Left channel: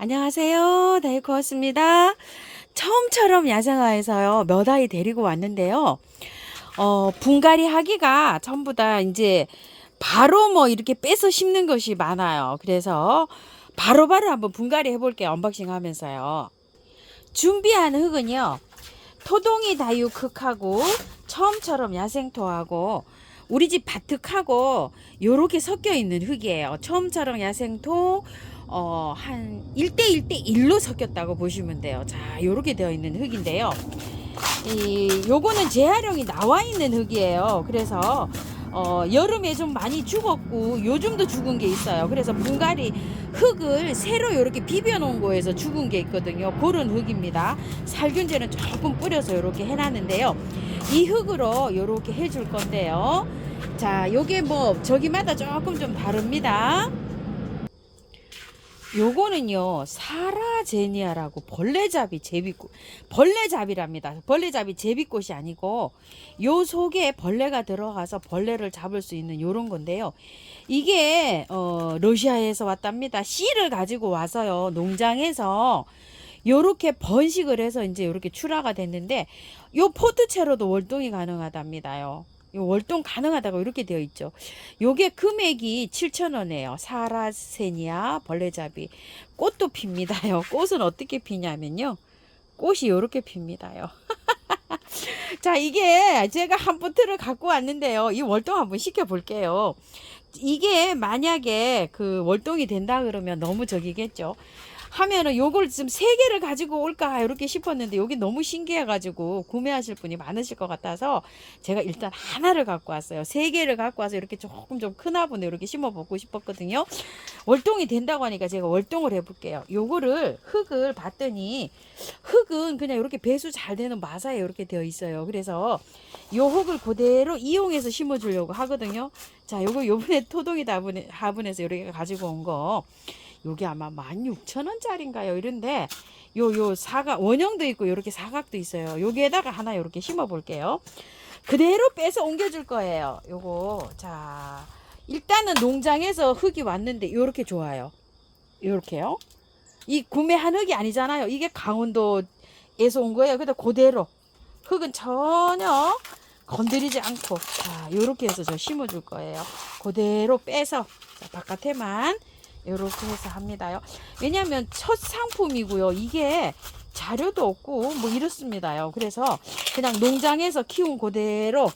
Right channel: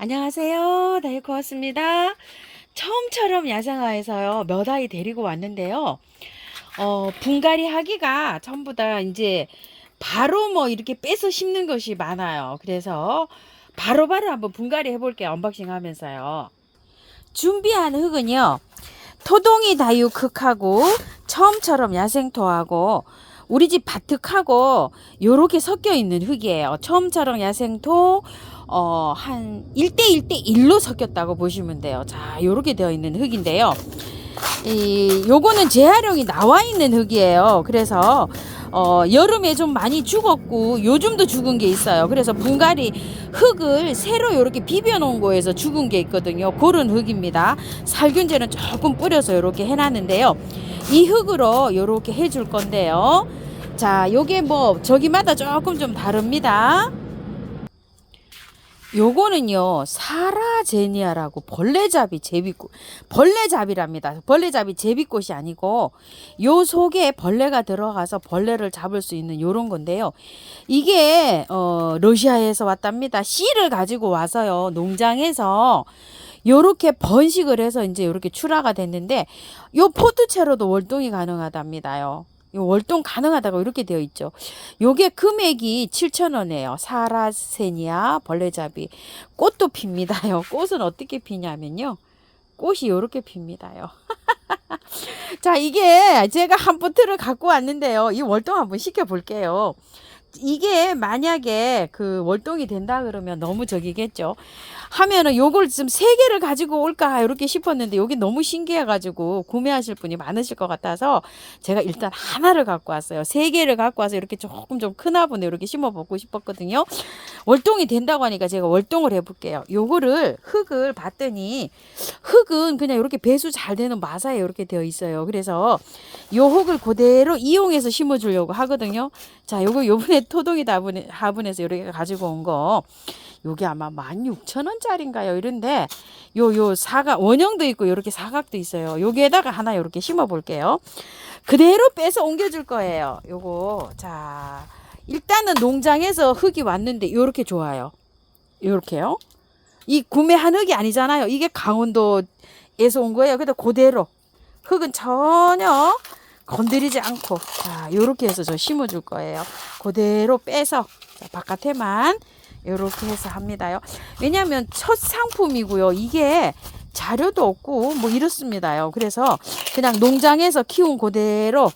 안녕하세요. 다이코였습니다. 처음처럼 야생화에서요, 몇 아이 데리고 왔는데요. 분갈이 하기가 전부 다 이제 바로 뭐 이렇게 빼서 심는 것이 많아요. 그래서 바로바로 한번 분갈이 해볼게요. 언박싱 하면서요. 준비한 흙은요, 토동이 다육흙하고 처음처럼 야생토하고 우리 집 밭흙하고 요렇게 섞여 있는 흙이에요. 처음처럼 야생토 한 1대1대1로 섞였다고 보시면 돼요. 자, 요렇게 되어 있는 흙인데요. 요거는 재활용이 나와 있는 흙이에요. 그래서 여름에 좀 많이 죽었고 요즘도 죽은 게 있어요. 그래서 분갈이 흙을 새로 이렇게 비벼 놓은 거에서 죽은 게 있거든요. 그런 흙입니다. 살균제는 조금 뿌려서 이렇게 해놨는데요. 이 흙으로 이렇게 해줄 건데요. 자, 요게 뭐 저기마다 조금 좀 다릅니다. 요거는요, 사라제니아라고 벌레잡이 제비꽃, 벌레잡이랍니다. 벌레잡이 제비꽃이 아니고 요 속에 벌레가 들어가서 벌레를 잡을 수 있는 요런 건데요. 이게 러시아에서 왔답니다. 씨를 가지고 와서요, 농장에서 요렇게 번식을 해서 이제 요렇게 출하가 됐는데, 요 포트채로도 월동이 가능하답니다요. 요 월동 가능하다고 이렇게 되어 있죠. 요게 금액이 7,000원이에요. 사라세니아 벌레잡이. 꽃도 핍니다요. 꽃은 어떻게 피냐면요. 꽃이 요렇게 핍니다요. 자, 이게 제가 한 포트를 갖고 왔는데요. 이 월동 한번 시켜 볼게요. 이게 만약에 그 월동이 된다 그러면 너무 저기겠죠. 하면은 요걸 좀 세 개를 가지고 올까 이렇게 싶었는데 여기 너무 신기해 가지고 구매하실 분이 많으실 것 같아서 제가 일단 하나를 갖고 왔어요. 세 개를 갖고 와서 이렇게 조금 좀 큰 화분에 이렇게 심어 보고 싶었거든요. 월동이 된다고 하니까 제가 월동을 해 볼게요. 요거를 흙을 봤더니 흙은 그냥 이렇게 배수 잘 되는 마사에 이렇게 되어 있어요. 그래서 요 흙을 그대로 이용해서 심어 주려고 하거든요. 자, 요번에 토동이 화분에서 이렇게 가지고 온 거. 요게 아마 16,000원짜리인가요? 이런데 요 사각 원형도 있고 이렇게 사각도 있어요. 여기에다가 하나 이렇게 심어 볼게요. 그대로 빼서 옮겨 줄 거예요. 요거. 자, 일단은 농장에서 흙이 왔는데 요렇게 좋아요. 요렇게요. 이 구매한 흙이 아니잖아요. 이게 강원도에서 온 거예요. 그래도 그대로 흙은 전혀 건드리지 않고, 자, 요렇게 해서 저 심어 줄 거예요. 그대로 빼서 바깥에만 요렇게 해서 합니다요. 왜냐하면 첫 상품이고요. 이게 자료도 없고 뭐 이렇습니다요. 그래서 그냥 농장에서 키운 그대로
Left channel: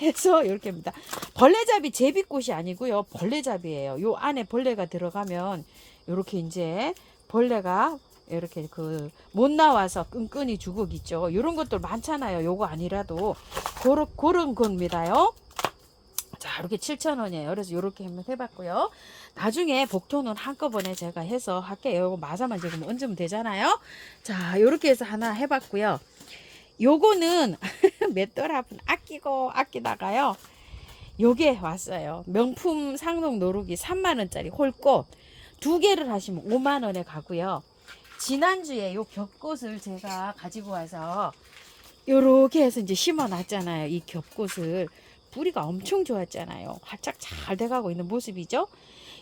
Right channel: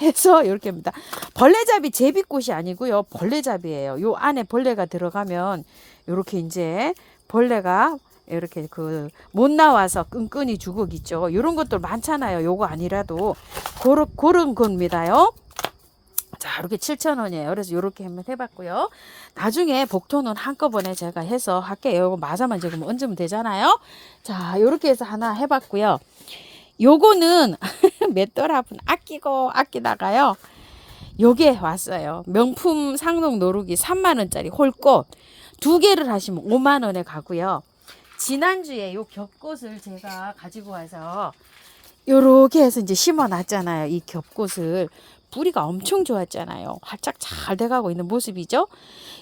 해서 이렇게 합니다. 벌레잡이 제비꽃이 아니고요. 벌레잡이에요. 요 안에 벌레가 들어가면 요렇게 이제 벌레가 이렇게 그 못 나와서 끈끈이 죽어있죠. 요런 것들 많잖아요. 요거 아니라도 그런 겁니다요. 자, 이렇게 7,000원이에요. 그래서 이렇게 한번 해봤고요. 나중에 복토는 한꺼번에 제가 해서 할게요. 요거 마사만 지금 얹으면 되잖아요. 자, 이렇게 해서 하나 해봤고요. 요거는 맷돌 화분 아끼고 아끼다가요. 요게 왔어요. 명품 상록 노루기 3만원짜리 홀꽃. 2개를 하시면 5만원에 가고요. 지난주에 요 겹꽃을 제가 가지고 와서 요렇게 해서 이제 심어 놨잖아요. 이 겹꽃을. 뿌리가 엄청 좋았잖아요. 활짝 잘 돼가고 있는 모습이죠.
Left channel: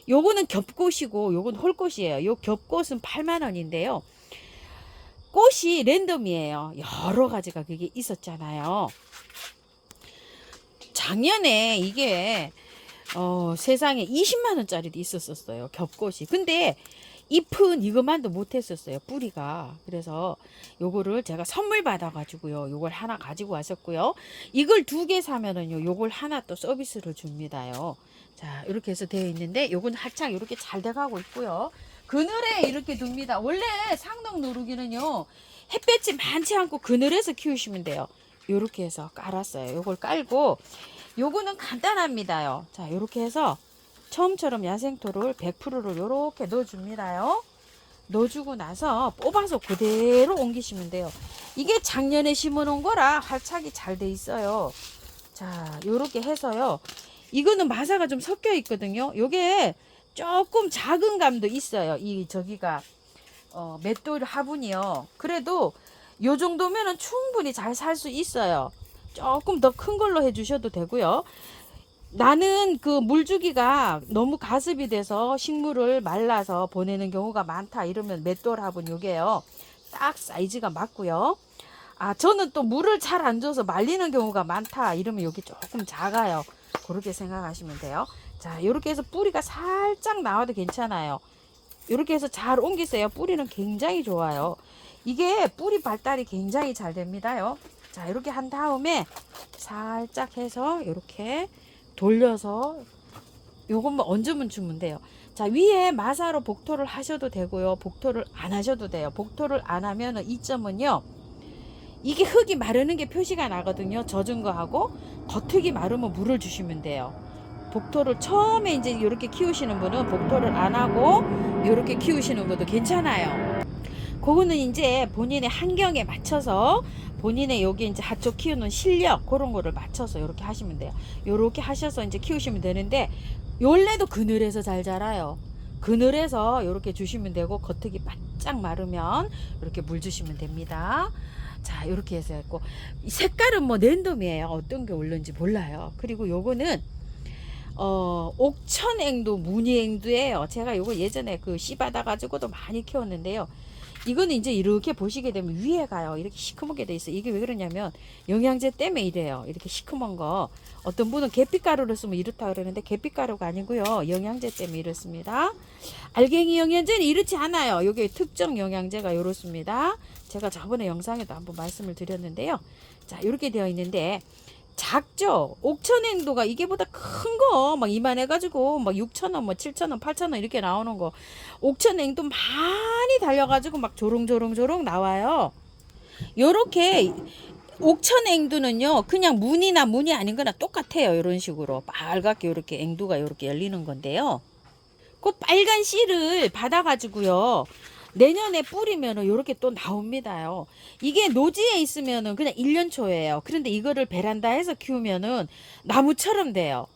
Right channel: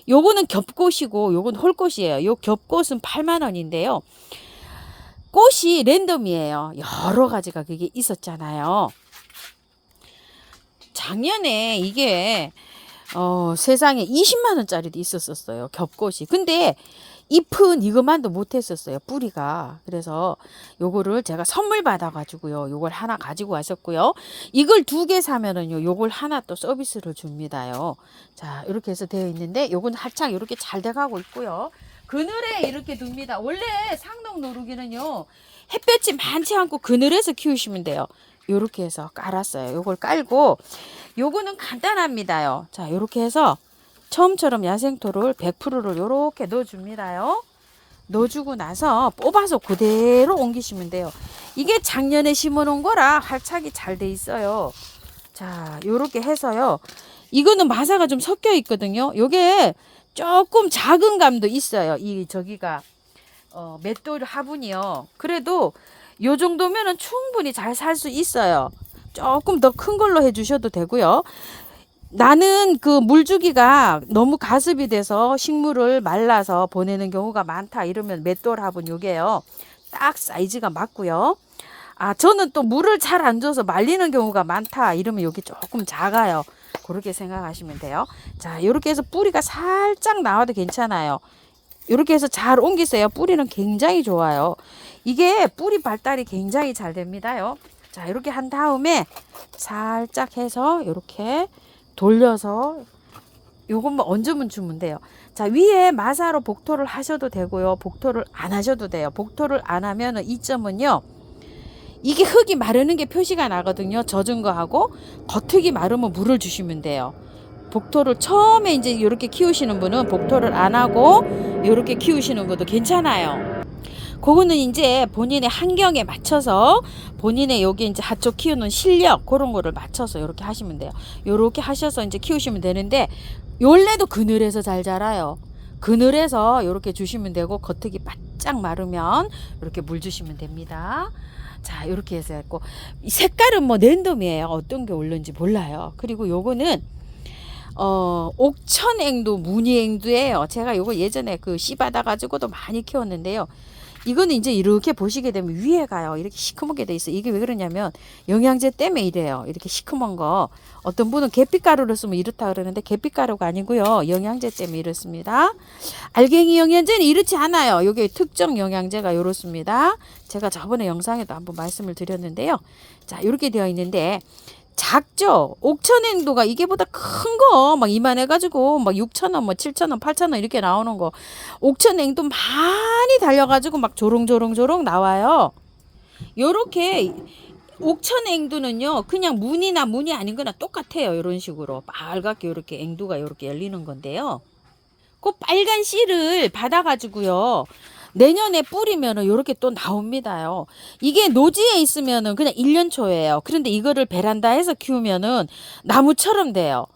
요거는 겹꽃이고 요건 홀꽃이에요. 요 겹꽃은 8만원인데요. 꽃이 랜덤이에요. 여러 가지가 그게 있었잖아요. 작년에 이게 세상에 20만원짜리도 있었어요. 겹꽃이. 근데 잎은 이것만도 못했었어요. 뿌리가. 그래서 요거를 제가 선물 받아가지고요. 요걸 하나 가지고 왔었고요. 이걸 2개 사면은요. 요걸 하나 또 서비스를 줍니다요. 자, 이렇게 해서 되어 있는데 요건 활짝 이렇게 잘 돼가고 있고요. 그늘에 이렇게 둡니다. 원래 상록 노루기는요. 햇볕이 많지 않고 그늘에서 키우시면 돼요. 요렇게 해서 깔았어요. 요걸 깔고 요거는 간단합니다요. 자, 요렇게 해서 처음처럼 야생토를 100%를 요렇게 넣어줍니다요. 넣어주고 나서 뽑아서 그대로 옮기시면 돼요. 이게 작년에 심어놓은 거라 활착이 잘 돼 있어요. 자, 요렇게 해서요. 이거는 마사가 좀 섞여 있거든요. 요게 조금 작은 감도 있어요. 이 저기가 맷돌 화분이요. 그래도 요 정도면은 충분히 잘 살 수 있어요. 조금 더 큰 걸로 해주셔도 되고요. 나는 그 물주기가 너무 가습이 돼서 식물을 말라서 보내는 경우가 많다 이러면 맷돌합은 요게요. 딱 사이즈가 맞고요. 아, 저는 또 물을 잘 안 줘서 말리는 경우가 많다 이러면 여기 조금 작아요. 그렇게 생각하시면 돼요. 자, 이렇게 해서 뿌리가 살짝 나와도 괜찮아요. 이렇게 해서 잘 옮기세요. 뿌리는 굉장히 좋아요. 이게 뿌리 발달이 굉장히 잘 됩니다요. 자, 이렇게 한 다음에 살짝 해서 이렇게 돌려서 요것만 얹으면 주면 돼요. 자, 위에 마사로 복토를 하셔도 되고요. 복토를 안 하셔도 돼요. 복토를 안 하면은 이 점은요. 이게 흙이 마르는 게 표시가 나거든요. 젖은 거하고 겉흙이 마르면 물을 주시면 돼요. 복토를 처음에 이제 이렇게 키우시는 분은 복토를 안 하고 이렇게 키우시는 것도 괜찮아요. 그거는 이제 본인의 환경에 맞춰서 본인의 여기 이제 하초 키우는 실력 그런 거를 맞춰서 이렇게 하시면 돼요. 이렇게 하셔서 이제 키우시면 되는데 원래도 그늘에서 잘 자라요. 그늘에서 이렇게 주시면 되고 겉흙이 바짝 마르면 이렇게 물 주시면 됩니다. 자, 이렇게 해서 했고 색깔은 뭐 랜덤이에요. 어떤 게 올른지 몰라요. 그리고 요거는 옥천앵두 무늬앵두예요. 제가 요거 예전에 그 씨 받아 가지고도 많이 키웠는데요. 이거는 이제 이렇게 보시게 되면 위에 가요. 이렇게 시커멓게 돼 있어요. 이게 왜 그러냐면 영양제 때문에 이래요. 이렇게 시커먼 거. 어떤 분은 계피가루를 쓰면 이렇다 그러는데 계피가루가 아니고요. 영양제 때문에 이렇습니다. 알갱이 영양제는 이렇지 않아요. 요게 특정 영양제가 이렇습니다. 제가 저번에 영상에도 한번 말씀을 드렸는데요. 자, 이렇게 되어 있는데 작죠. 옥천앵두가 이게보다 큰 거 막 이만해가지고 막 6,000원, 뭐 7,000원, 8,000원 이렇게 나오는 거. 옥천앵두 많이 달려가지고 막 조롱조롱조롱 나와요. 요렇게 옥천앵두는요, 그냥 무늬나 무늬 아닌 거나 똑같아요. 이런 식으로 빨갛게 이렇게 앵두가 이렇게 열리는 건데요. 그 빨간 씨를 받아가지고요. 내년에 뿌리면은 이렇게 또 나옵니다요. 이게 노지에 있으면은 그냥 1년 초예요. 그런데 이거를 베란다에서 키우면은 나무처럼 돼요.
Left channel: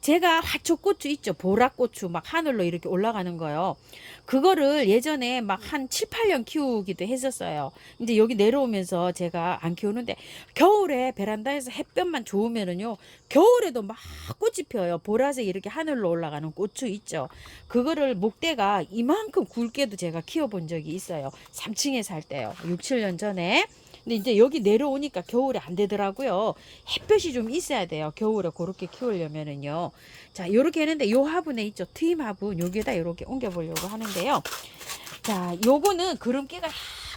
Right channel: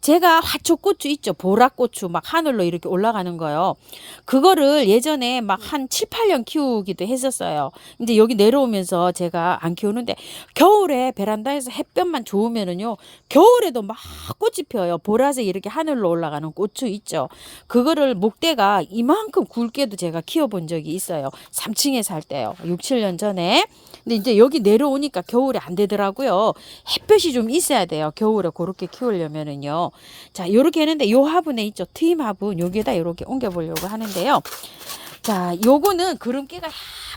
제가 화초고추 있죠. 보라고추 막 하늘로 이렇게 올라가는 거요. 그거를 예전에 막 한 7, 8년 키우기도 했었어요. 이제 여기 내려오면서 제가 안 키우는데 겨울에 베란다에서 햇볕만 좋으면은요. 겨울에도 막 꽃이 펴요. 보라색 이렇게 하늘로 올라가는 고추 있죠. 그거를 목대가 이만큼 굵게도 제가 키워본 적이 있어요. 3층에 살 때요. 6, 7년 전에. 근데 이제 여기 내려오니까 겨울에 안 되더라고요. 햇볕이 좀 있어야 돼요. 겨울에 그렇게 키우려면은요. 자, 요렇게 했는데 요 화분에 있죠. 트임 화분 여기에다 이렇게 옮겨 보려고 하는데요. 자, 요거는 그름기가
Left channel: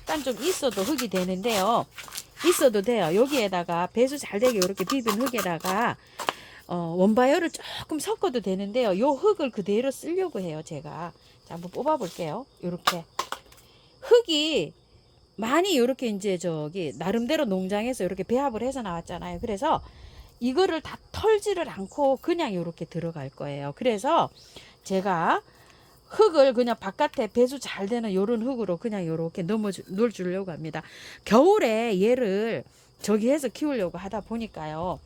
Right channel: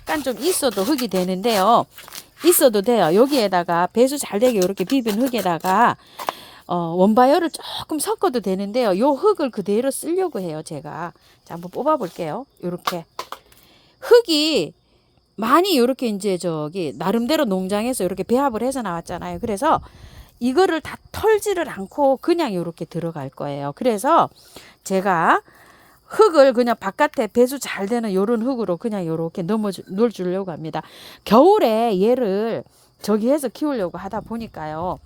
약간 좀 있어도 흙이 되는데요. 있어도 돼요. 여기에다가 배수 잘 되게 이렇게 비빈 흙에다가 원바이어를 조금 섞어도 되는데요. 요 흙을 그대로 쓰려고 해요, 제가. 자, 한번 뽑아 볼게요. 요렇게. 흙이 많이 이렇게 이제 저기 나름대로 농장에서 이렇게 배합을 해서 나왔잖아요. 그래서 이거를 다 털지를 않고 그냥 이렇게 들어갈 거예요. 그래서 제가 흙을 그냥 바깥에 배수 잘 되는 요런 흙으로 그냥 이렇게 넣어주려고 합니다. 겨울에 얘를 저기 해서 키우려고 하다 보니까요.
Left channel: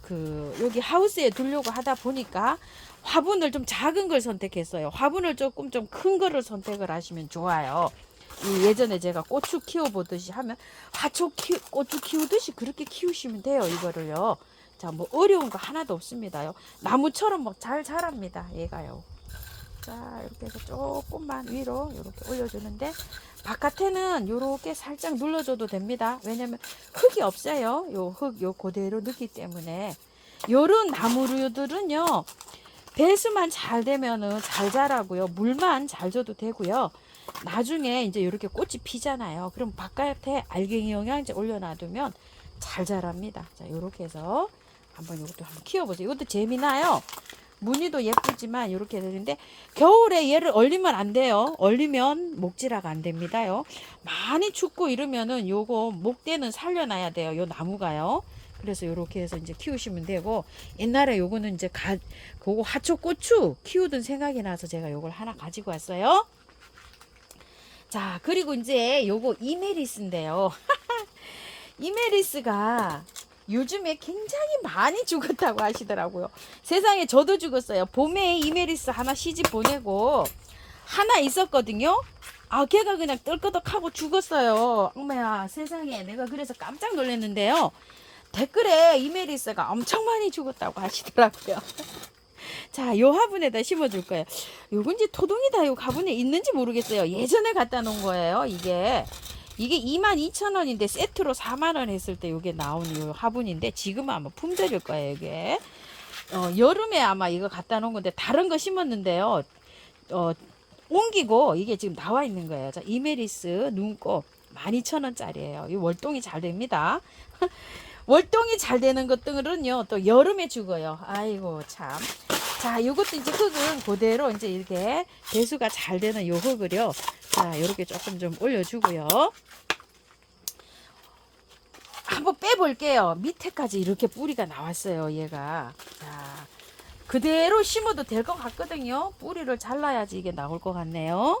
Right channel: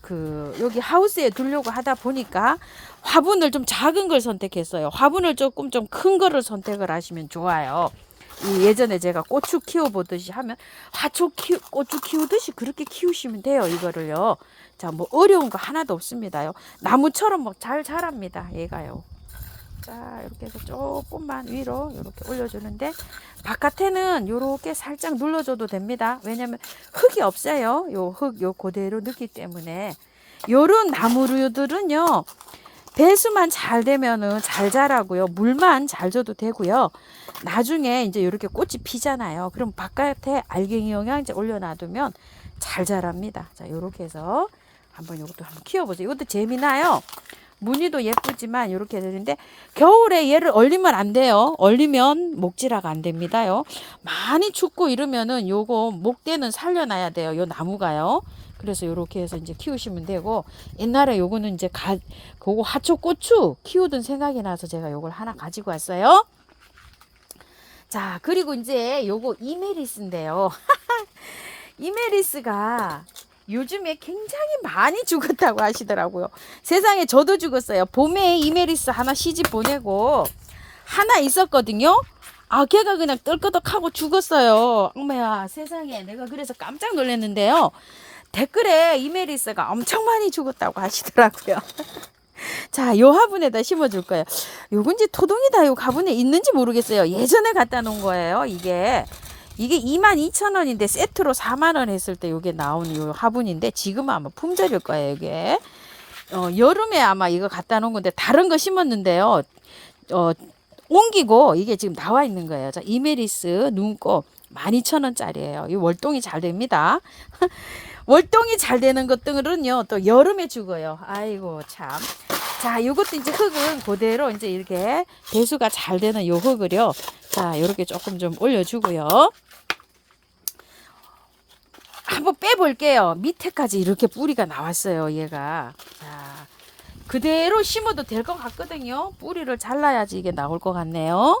그 여기 하우스에 두려고 하다 보니까 화분을 좀 작은 걸 선택했어요. 화분을 조금 좀 큰 거를 선택을 하시면 좋아요. 예전에 제가 고추 키워보듯이 하면 고추 키우듯이 그렇게 키우시면 돼요. 이거를요. 자, 뭐 어려운 거 하나도 없습니다요. 나무처럼 뭐 잘 자랍니다. 얘가요. 자, 이렇게 해서 조금만 위로 이렇게 올려주는데 바깥에는 이렇게 살짝 눌러줘도 됩니다. 왜냐면 흙이 없어요. 요 흙 요 그대로 넣기 때문에 요런 나무류들은요. 배수만 잘 되면은 잘 자라고요. 물만 잘 줘도 되고요. 나중에 이제 이렇게 꽃이 피잖아요. 그럼 바깥에 알갱이 영양제 올려놔두면 잘 자랍니다. 자, 이렇게 해서 이것도 한번 키워보세요. 이것도 재미나요. 무늬도 예쁘지만 이렇게 되는데 겨울에 얘를 얼리면 안 돼요. 얼리면 목질화가 안 됩니다요. 많이 춥고 이러면은 요거 목대는 살려놔야 돼요. 요 나무가요. 그래서 이렇게 해서 이제 키우시면 되고 옛날에 요거는 이제 그거 하초고추 키우던 생각이 나서 제가 요걸 하나 가지고 왔어요. 자, 그리고 이제 요거 이메리스인데요. 이메리스가 요즘에 굉장히 많이 죽었다고 하시더라고요. 세상에 저도 죽었어요. 봄에 이메리스 하나 시집 보내고 하나 있었거든요. 아, 걔가 그냥 떨끄덕하고 죽었어요. 어머야, 세상에. 내가 그래서 깜짝 놀랐는데요. 댓글에 이메리스가 엄청 많이 죽었다고 하시더라고요. 자, 요 화분에다 심어줄 거예요. 요건지 토동이다. 요 화분에 있는지 모르겠어요. 예전에 갖다 놓은 거예요. 이게 22,000원인데 세트로 4만원 했을 때 요게 나온 요 화분인데 지금은 아마 품절일 거예요. 이게 여름에 아마 이거 갖다 놓은 건데 다른 거 심었는데요. 옮기고 이게 지금 나와 있는 거예요. 자, 이메리스 눈꽃 12,000원짜리예요. 이 월동이 잘 됩니다. 월동이 잘 되는 것들은요 또 여름에 죽어요. 아이고 참. 자, 요것도 이제 흙은 그대로 이제 이렇게 배수가 잘 되는 요 흙을요. 자, 요렇게 조금 좀 올려주고요. 한번 빼볼게요. 밑에까지 이렇게 뿌리가 나왔어요. 얘가. 자, 그대로 심어도 될 것 같거든요. 뿌리를 잘라야지 이게 나올 것 같네요.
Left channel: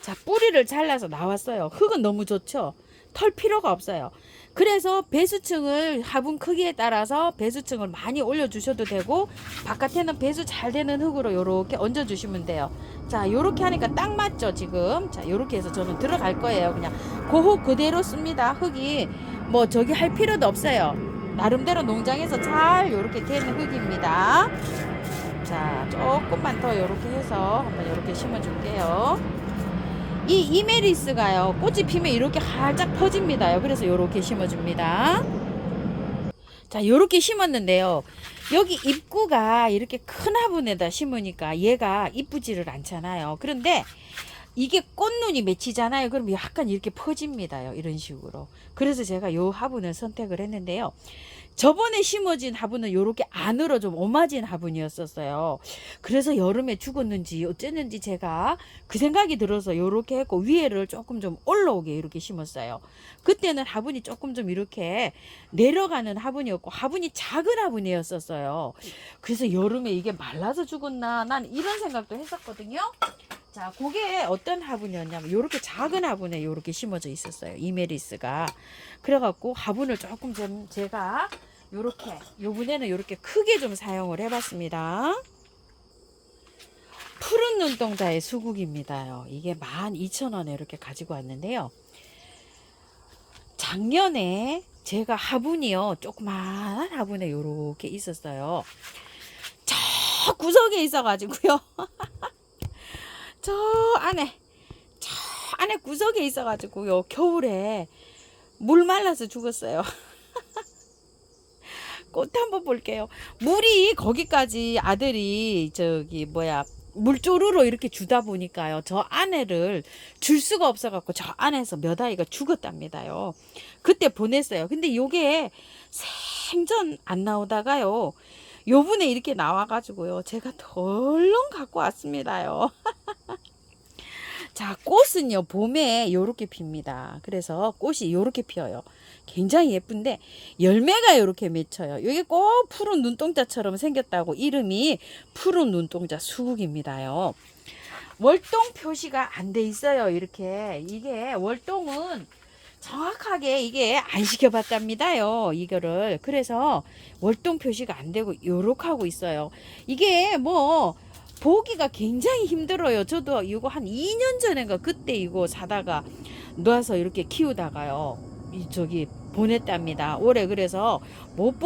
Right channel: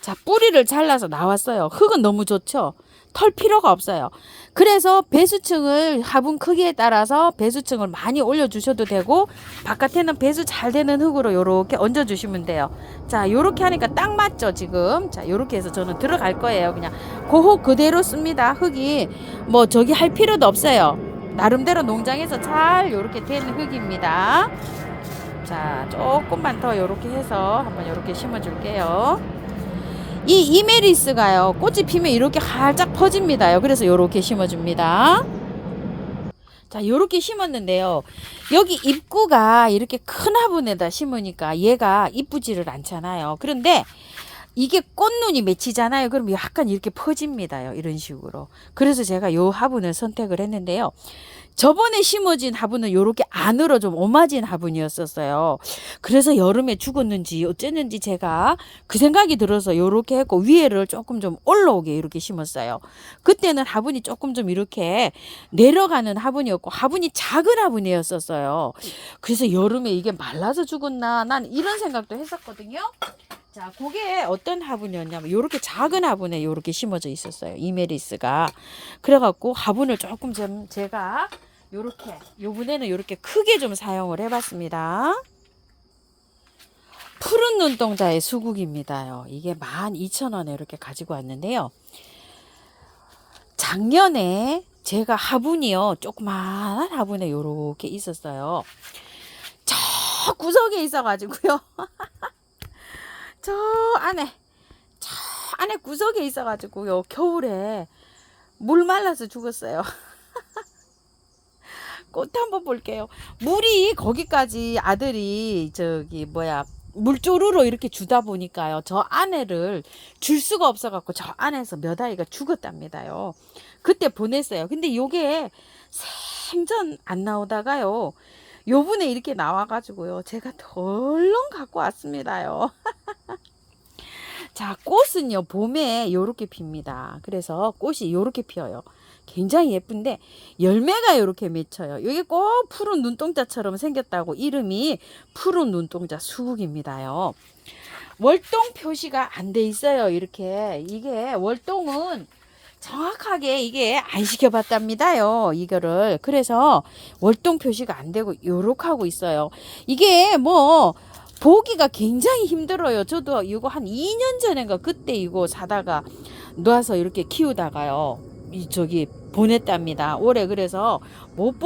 자, 뿌리를 잘라서 나왔어요. 흙은 너무 좋죠. 털 필요가 없어요. 그래서 배수층을 화분 크기에 따라서 배수층을 많이 올려주셔도 되고 바깥에는 배수 잘 되는 흙으로 요렇게 얹어주시면 돼요. 자, 요렇게 하니까 딱 맞죠 지금. 자, 요렇게 해서 저는 들어갈 거예요. 그냥 그 흙 그대로 씁니다. 흙이 뭐 저기 할 필요도 없어요. 나름대로 농장에서 잘 요렇게 된 흙입니다. 자, 조금만 더 요렇게 해서 한번 요렇게 심어줄게요. 이 이메리스가요 꽃이 피면 이렇게 활짝 퍼집니다요. 그래서 요렇게 심어줍니다. 자, 요렇게 심었는데요. 여기 입구가 이렇게 큰 화분에다 심으니까 얘가 이쁘지를 않잖아요. 그런데 이게 꽃눈이 맺히잖아요. 그럼 약간 이렇게 퍼집니다요. 이런 식으로. 그래서 제가 요 화분을 선택을 했는데요. 저번에 심어진 화분은 요렇게 안으로 좀 오마진 화분이었었어요. 그래서 여름에 죽었는지 어쨌는지 제가 그 생각이 들어서 요렇게 했고 위에를 조금 좀 올라오게 이렇게 심었어요. 그때는 화분이 조금 좀 이렇게 내려가는 화분이었고 화분이 작은 화분이었었어요. 그래서 여름에 이게 말라서 죽었나 난 이런 생각도 했었거든요. 자, 그게 어떤 화분이었냐면 요렇게 작은 화분에 요렇게 심어져 있었어요. 이메리스가. 그래갖고 화분을 조금 좀 제가 요렇게 요번에는 요렇게 크게 좀 사용을 해봤습니다. 푸른 눈동자의 수국입니다요. 이게 12,000원에 이렇게 가지고 왔는데요. 작년에 제가 화분이요 조그마한 화분에 요렇게 있었어요. 저 구석에 있어가지고요. 저 안에 구석에 있어가지고요. 겨울에 물 말라서 죽었어요. 꽃 한번 볼게요. 물이 거기까지 아들이 물조루로 이렇게 주다 보니까요. 저 안에를 줄 수가 없어갖고 저 안에서 몇 아이가 죽었답니다요. 그때 보냈어요. 근데 요게 생전 안 나오다가요. 요번에 이렇게 나와가지고요. 제가 덜렁 갖고 왔습니다요. 자, 꽃은요 봄에 요렇게 핍니다. 그래서 꽃이 요렇게 피어요. 굉장히 예쁜데 열매가 요렇게 맺혀요. 이게 꼭 푸른 눈동자처럼 생겼다고 이름이 푸른 눈동자 수국입니다요. 월동 표시가 안 돼 있어요. 이렇게 이게 월동은 정확하게 이게 안 시켜봤답니다요. 이거를 그래서 월동 표시가 안 되고 요렇게 하고 있어요. 이게 뭐 보기가 굉장히 힘들어요. 저도 이거 한 2년 전인가 그때 이거 사다가 놔서 이렇게 키우다가요. 보냈답니다. 올해 그래서 못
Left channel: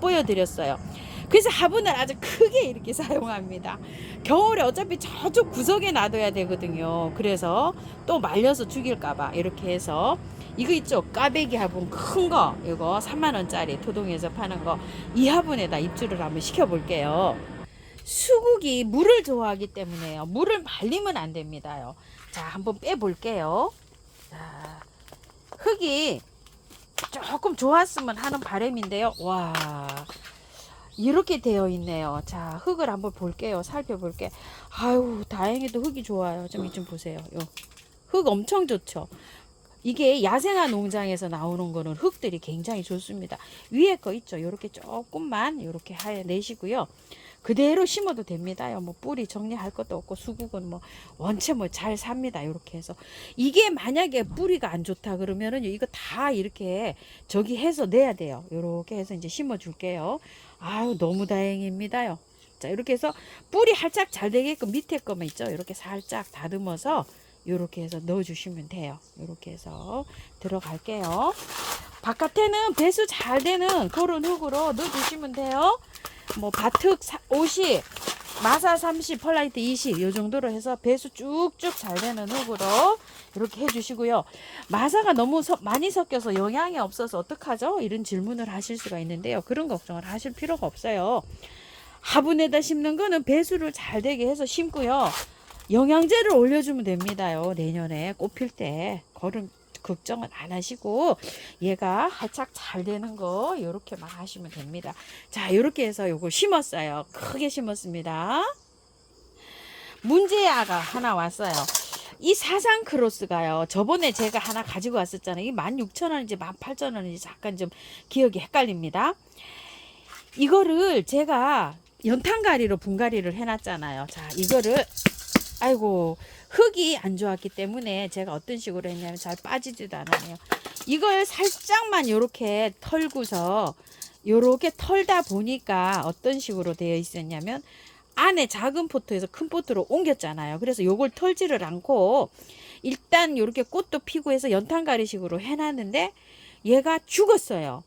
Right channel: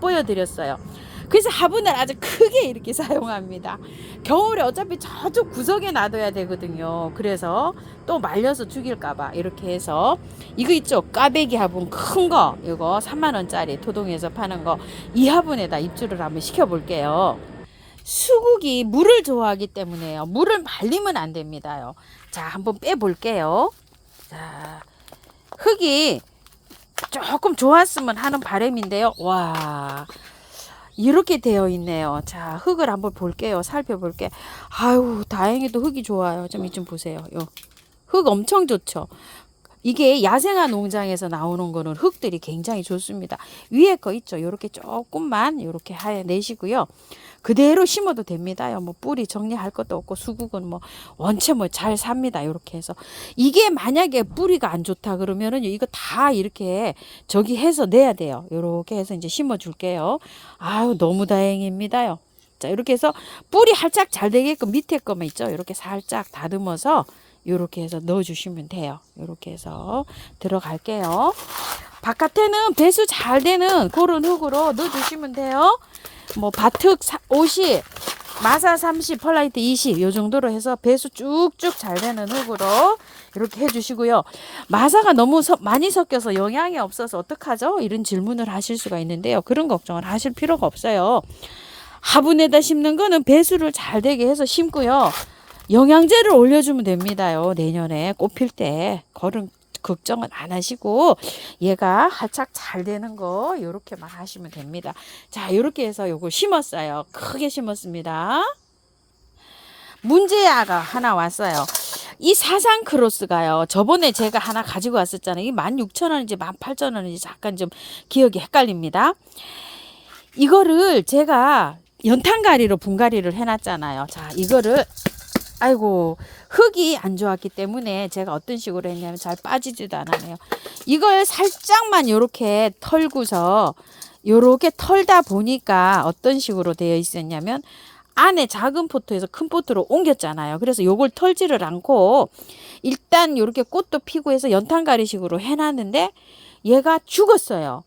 보여드렸어요. 그래서 화분을 아주 크게 이렇게 사용합니다. 겨울에 어차피 저쪽 구석에 놔둬야 되거든요. 그래서 또 말려서 죽일까봐 이렇게 해서 이거 있죠? 까베기 화분 큰 거 이거 3만원짜리 토동에서 파는 거 이 화분에다 입주를 한번 시켜볼게요. 수국이 물을 좋아하기 때문에요. 물을 말리면 안 됩니다요. 자, 한번 빼볼게요. 자, 흙이 조금 좋았으면 하는 바람인데요. 와, 이렇게 되어 있네요. 자, 흙을 한번 볼게요. 살펴볼게. 아유, 다행히도 흙이 좋아요. 좀 보세요. 흙 엄청 좋죠. 이게 야생화 농장에서 나오는 거는 흙들이 굉장히 좋습니다. 위에 거 있죠. 요렇게 조금만 요렇게 내시고요. 그대로 심어도 됩니다요. 뭐 뿌리 정리할 것도 없고 수국은 뭐 원체 뭐 잘 삽니다. 이렇게 해서 이게 만약에 뿌리가 안 좋다 그러면은 이거 다 이렇게 저기 해서 내야 돼요. 이렇게 해서 이제 심어 줄게요. 아유, 너무 다행입니다요. 자, 이렇게 해서 뿌리 활짝 잘 되게끔 밑에 거만 있죠. 이렇게 살짝 다듬어서 이렇게 해서 넣어 주시면 돼요. 이렇게 해서 들어갈게요. 바깥에는 배수 잘 되는 그런 흙으로 넣어주시면 돼요. 뭐 바특 50, 마사 30, 펄라이트 20 요 정도로 해서 배수 쭉쭉 잘 되는 흙으로 이렇게 해주시고요. 마사가 너무 많이 섞여서 영양이 없어서 어떡하죠? 이런 질문을 하실 수가 있는데요. 그런 걱정을 하실 필요가 없어요. 화분에다 심는 거는 배수를 잘 되게 해서 심고요. 영양제를 올려주면 됩니다요. 내년에 꽃 필 때 그런 걱정은 안 하시고 얘가 활착 잘 되는 거 요렇게만 하시면 됩니다. 자, 요렇게 해서 요거 심었어요. 크게 심었습니다. 문제아가 하나 왔어요. 이 사상 크로스가요. 저번에 제가 하나 가지고 왔었잖아요. 이 16,000원인지 18,000원인지 잠깐 좀 기억이 헷갈립니다. 이거를 제가 연탄가리로 분갈이를 해놨잖아요. 자, 이거를 아이고 흙이 안 좋았기 때문에 제가 어떤 식으로 했냐면 잘 빠지지도 않아요. 이걸 살짝만 요렇게 털고서 요렇게 털다 보니까 어떤 식으로 되어 있었냐면 안에 작은 포트에서 큰 포트로 옮겼잖아요. 그래서 요걸 털지를 않고 일단 요렇게 꽃도 피고 해서 연탄가리식으로 해놨는데 얘가 죽었어요.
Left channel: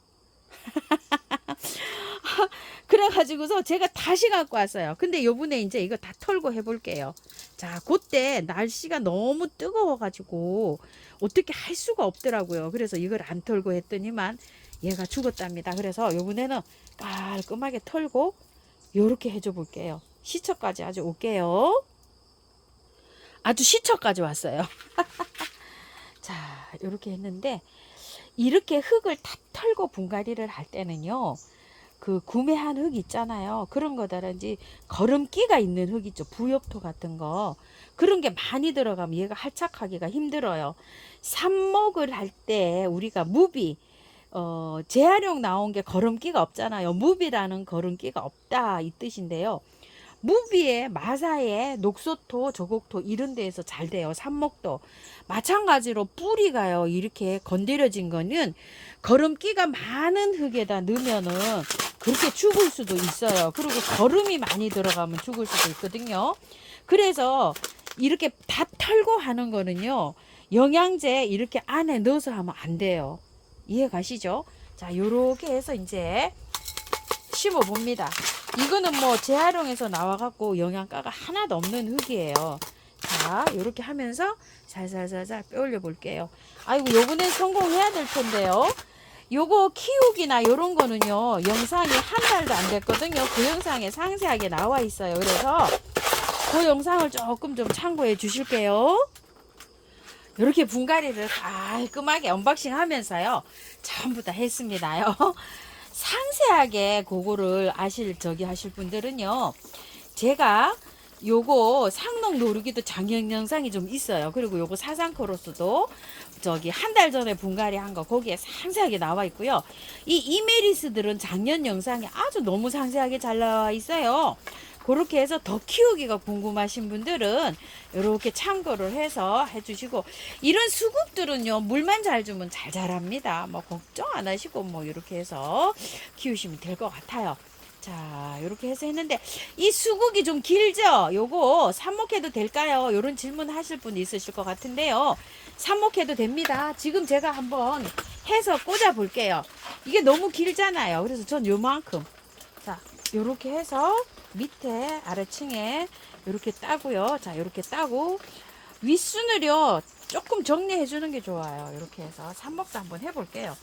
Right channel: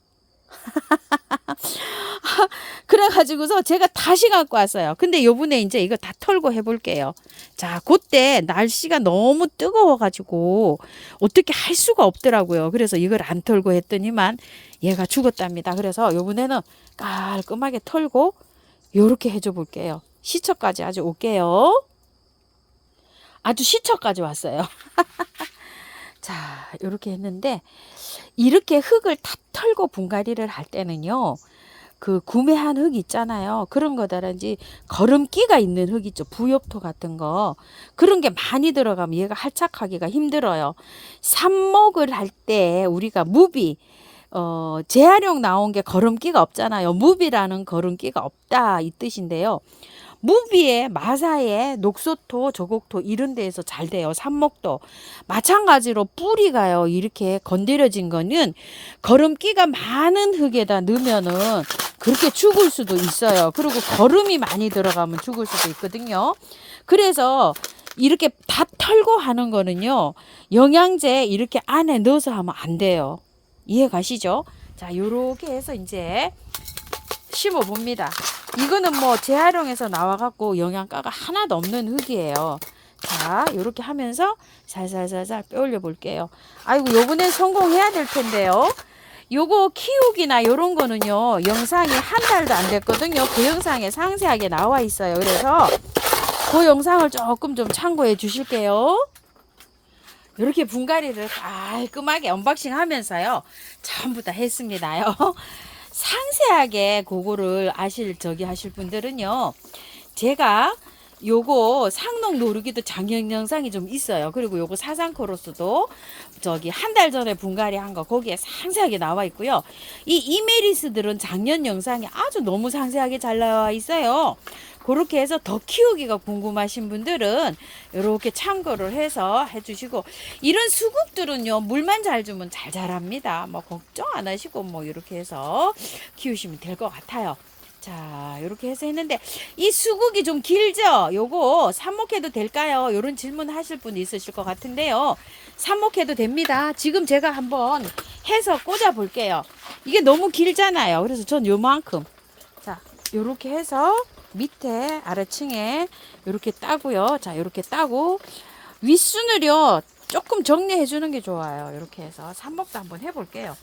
그래가지고서 제가 다시 갖고 왔어요. 근데 요번에 이제 이거 다 털고 해볼게요. 자, 그때 날씨가 너무 뜨거워가지고 어떻게 할 수가 없더라고요. 그래서 이걸 안 털고 했더니만 얘가 죽었답니다. 그래서 요번에는 깔끔하게 털고 요렇게 해줘 볼게요. 시초까지 아주 올게요. 아주 시초까지 왔어요. 자, 요렇게 했는데 이렇게 흙을 다 털고 분갈이를 할 때는요. 그 구매한 흙 있잖아요. 그런 거다든지 거름기가 있는 흙 있죠. 부엽토 같은 거. 그런 게 많이 들어가면 얘가 활착하기가 힘들어요. 삽목을 할 때 우리가 무비 재활용 나온 게 거름기가 없잖아요. 무비라는 거름기가 없다 이 뜻인데요. 무비에 마사에 녹소토, 저곡토 이런 데에서 잘 돼요. 삽목도 마찬가지로 뿌리가요. 이렇게 건드려진 거는 거름기가 많은 흙에다 넣으면은 그렇게 죽을 수도 있어요. 그리고 거름이 많이 들어가면 죽을 수도 있거든요. 그래서 이렇게 다 털고 하는 거는요. 영양제 이렇게 안에 넣어서 하면 안 돼요. 이해 가시죠? 자, 요렇게 해서 이제 심어 봅니다. 이거는 뭐 재활용해서 나와갖고 영양가가 하나도 없는 흙이에요. 자, 요렇게 하면서 살살살살 빼올려 볼게요. 아이고, 요번엔 성공해야 될 텐데요. 요거 키우기나 요런 거는요, 영상이 한 달도 안 됐거든요. 그 영상에 상세하게 나와 있어요. 그래서 그 영상을 조금 좀 참고해 주실게요. 이렇게 분갈이를 깔끔하게 언박싱 하면서요, 전부 다 했습니다요. 상세하게 그거를 하실 분들은요, 제가 요거 상록 노르기도 장영 영상이 좀 있어요. 그리고 요거 사상코러스도 한 달 전에 분갈이 한 거 거기에 상세하게 나와 있고요. 이 이메리스들은 작년 영상이 아주 너무 상세하게 잘 나와 있어요. 그렇게 해서 더 키우기가 궁금하신 분들은 이렇게 참고를 해서 해주시고, 이런 수국들은요 물만 잘 주면 잘 자랍니다. 뭐 걱정 안 하시고 뭐 이렇게 해서 키우시면 될 것 같아요. 자, 이렇게 해서 했는데 이 수국이 좀 길죠? 요거 삽목해도 될까요? 이런 질문 하실 분 있으실 것 같은데요. 삽목해도 됩니다. 지금 제가 한번 해서 꽂아 볼게요. 이게 너무 길잖아요. 그래서 전 요만큼, 자, 요렇게 해서 밑에 아래층에 이렇게 따고요. 자, 이렇게 따고 윗순을요 조금 정리해 주는 게 좋아요. 이렇게 해서 삽목도 한번 해볼게요.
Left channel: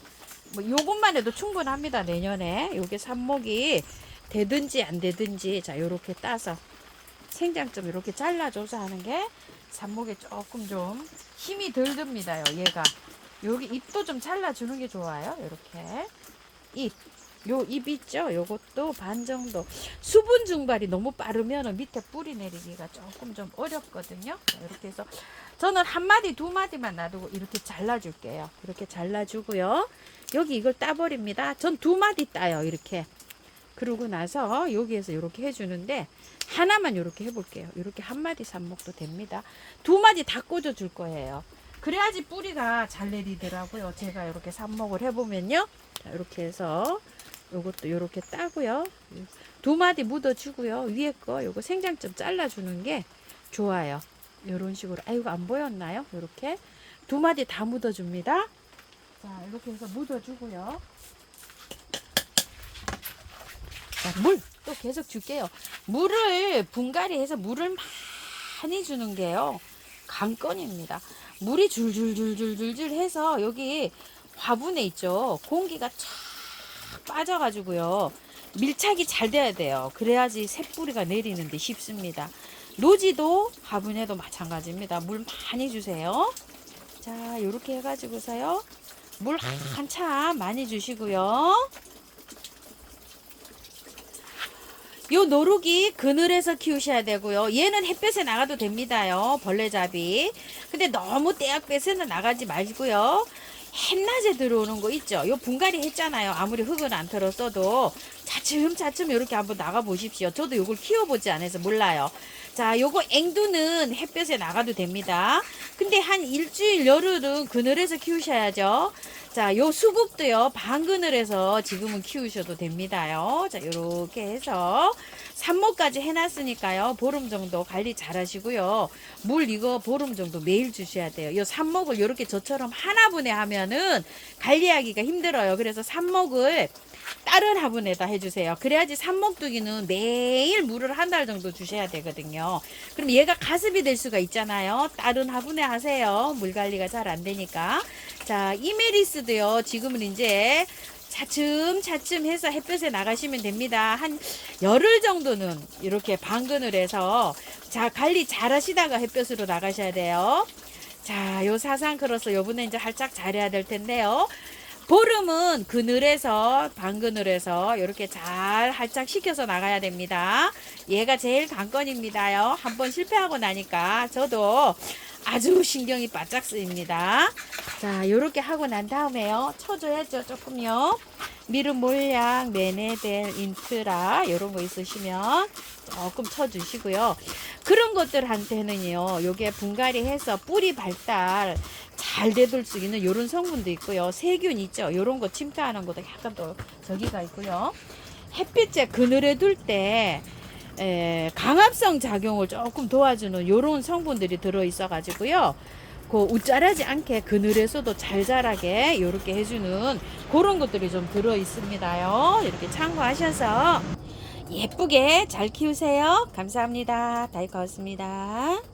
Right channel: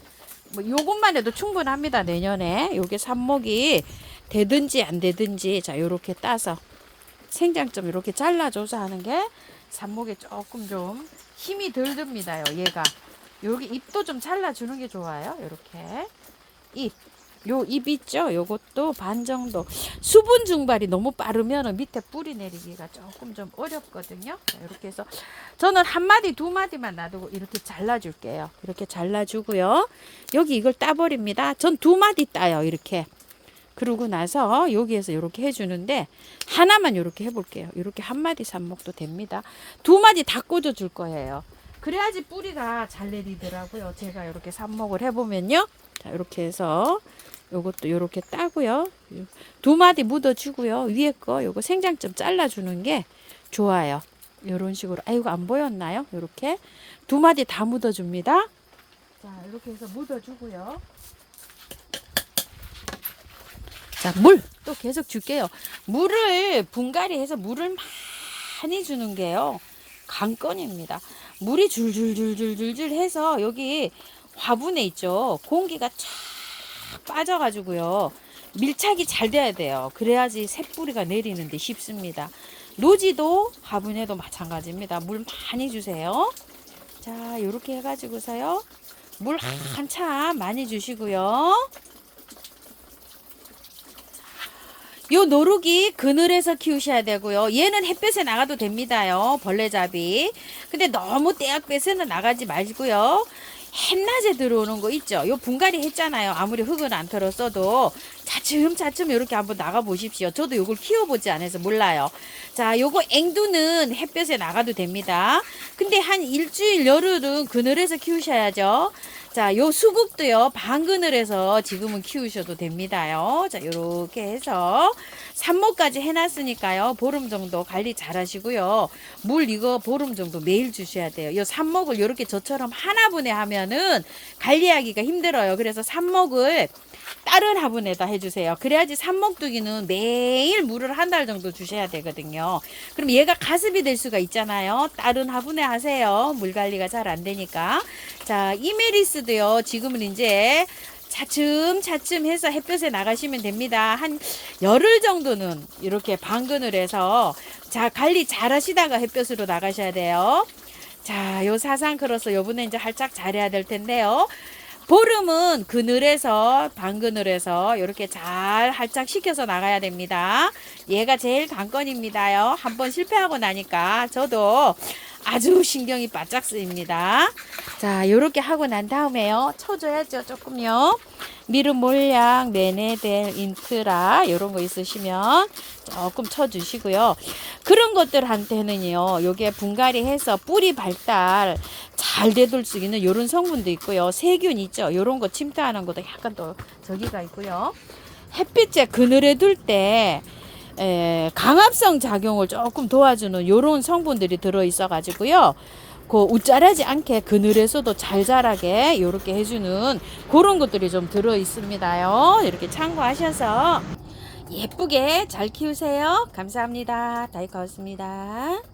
뭐 요것만 해도 충분합니다. 내년에 요게 삽목이 되든지 안 되든지, 자, 요렇게 따서 생장점 이렇게 잘라줘서 하는 게 삽목에 조금 좀 힘이 덜 듭니다요. 얘가 여기 잎도 좀 잘라주는 게 좋아요. 이렇게 요 잎 있죠? 요것도 반 정도. 수분 증발이 너무 빠르면 밑에 뿌리 내리기가 조금 좀 어렵거든요. 이렇게 해서 저는 한 마디 두 마디만 놔두고 이렇게 잘라줄게요. 이렇게 잘라주고요. 여기 이걸 따버립니다. 전 두 마디 따요. 이렇게. 그러고 나서 여기에서 이렇게 해주는데 하나만 이렇게 해볼게요. 이렇게 한 마디 삽목도 됩니다. 두 마디 다 꽂아줄 거예요. 그래야지 뿌리가 잘 내리더라고요. 제가 이렇게 삽목을 해보면요. 자, 이렇게 해서 요것도 요렇게 따고요. 두 마디 묻어주고요. 위에 거 요거 생장점 잘라주는 게 좋아요. 요런 식으로. 아이고, 안 보였나요? 요렇게 두 마디 다 묻어줍니다. 자, 이렇게 해서 묻어주고요. 자, 물 또 계속 줄게요. 물을 분갈이해서 물을 많이 주는 게요, 관건입니다. 물이 줄줄줄줄줄줄 해서 여기 화분에 있죠, 공기가 쫙 빠져가지고요, 밀착이 잘 돼야 돼요. 그래야지 새뿌리가 내리는데 쉽습니다. 노지도 화분에도 마찬가지입니다. 물 많이 주세요. 자, 이렇게 해가지고서요, 물 한참 많이 주시고요. 요 노루기 그늘에서 키우셔야 되고요. 얘는 햇볕에 나가도 됩니다요, 벌레잡이. 근데 너무 떼약볕에는 나가지 말고요. 한낮에 들어오는 거 있죠. 요 분갈이 했잖아요. 아무리 흙을 안 털었어도 차츰차츰 이렇게 한번 나가 보십시오. 저도 요걸 키워보지 않아서 몰라요. 자, 요거 앵두는 햇볕에 나가도 됩니다. 근데 한 일주일 열흘은 그늘에서 키우셔야죠. 자, 요 수국도요, 방그늘에서 지금은 키우셔도 됩니다요. 자, 요렇게 해서 삽목까지 해놨으니까요, 보름 정도 관리 잘 하시고요. 물 이거 보름 정도 매일 주셔야 돼요. 요 삽목을 요렇게 저처럼 하나분에 하면은 관리하기가 힘들어요. 그래서 삽목을 다른 화분에다 해주세요. 그래야지 삽목두기는 매일 물을 한 달 정도 주셔야 되거든요. 그럼 얘가 가습이 될 수가 있잖아요. 다른 화분에 하세요. 물 관리가 잘 안 되니까. 자, 이메리스도요, 지금은 이제 차츰차츰 해서 햇볕에 나가시면 됩니다. 한 열흘 정도는 이렇게 방그늘에서 자, 관리 잘 하시다가 햇볕으로 나가셔야 돼요. 자, 요 사상크로스 요번에 이제 활짝 잘해야 될 텐데요. 보름은 그늘에서, 방그늘에서 이렇게 잘 활짝 시켜서 나가야 됩니다. 얘가 제일 관건입니다요. 한번 실패하고 나니까 저도 아주 신경이 바짝 쓰입니다. 자, 요렇게 하고 난 다음에요, 쳐줘야죠. 조금요. 미름 몰약, 네네델, 인트라 요런 거 있으시면 조금 쳐주시고요. 그런 것들한테는요, 요게 분갈이 해서 뿌리 발달 잘 되돌 수 있는 요런 성분도 있고요. 세균 있죠. 요런 거 침투하는 것도 약간 또 저기가 있고요. 햇빛에 그늘에 둘 때 강압성 작용을 조금 도와주는 요런 성분들이 들어있어 가지고요, 그 웃자라지 않게 그늘에서도 잘 자라게 요렇게 해주는 그런 것들이 좀 들어 있습니다요. 이렇게 참고하셔서 예쁘게 잘 키우세요. 감사합니다. 다이카였습니다.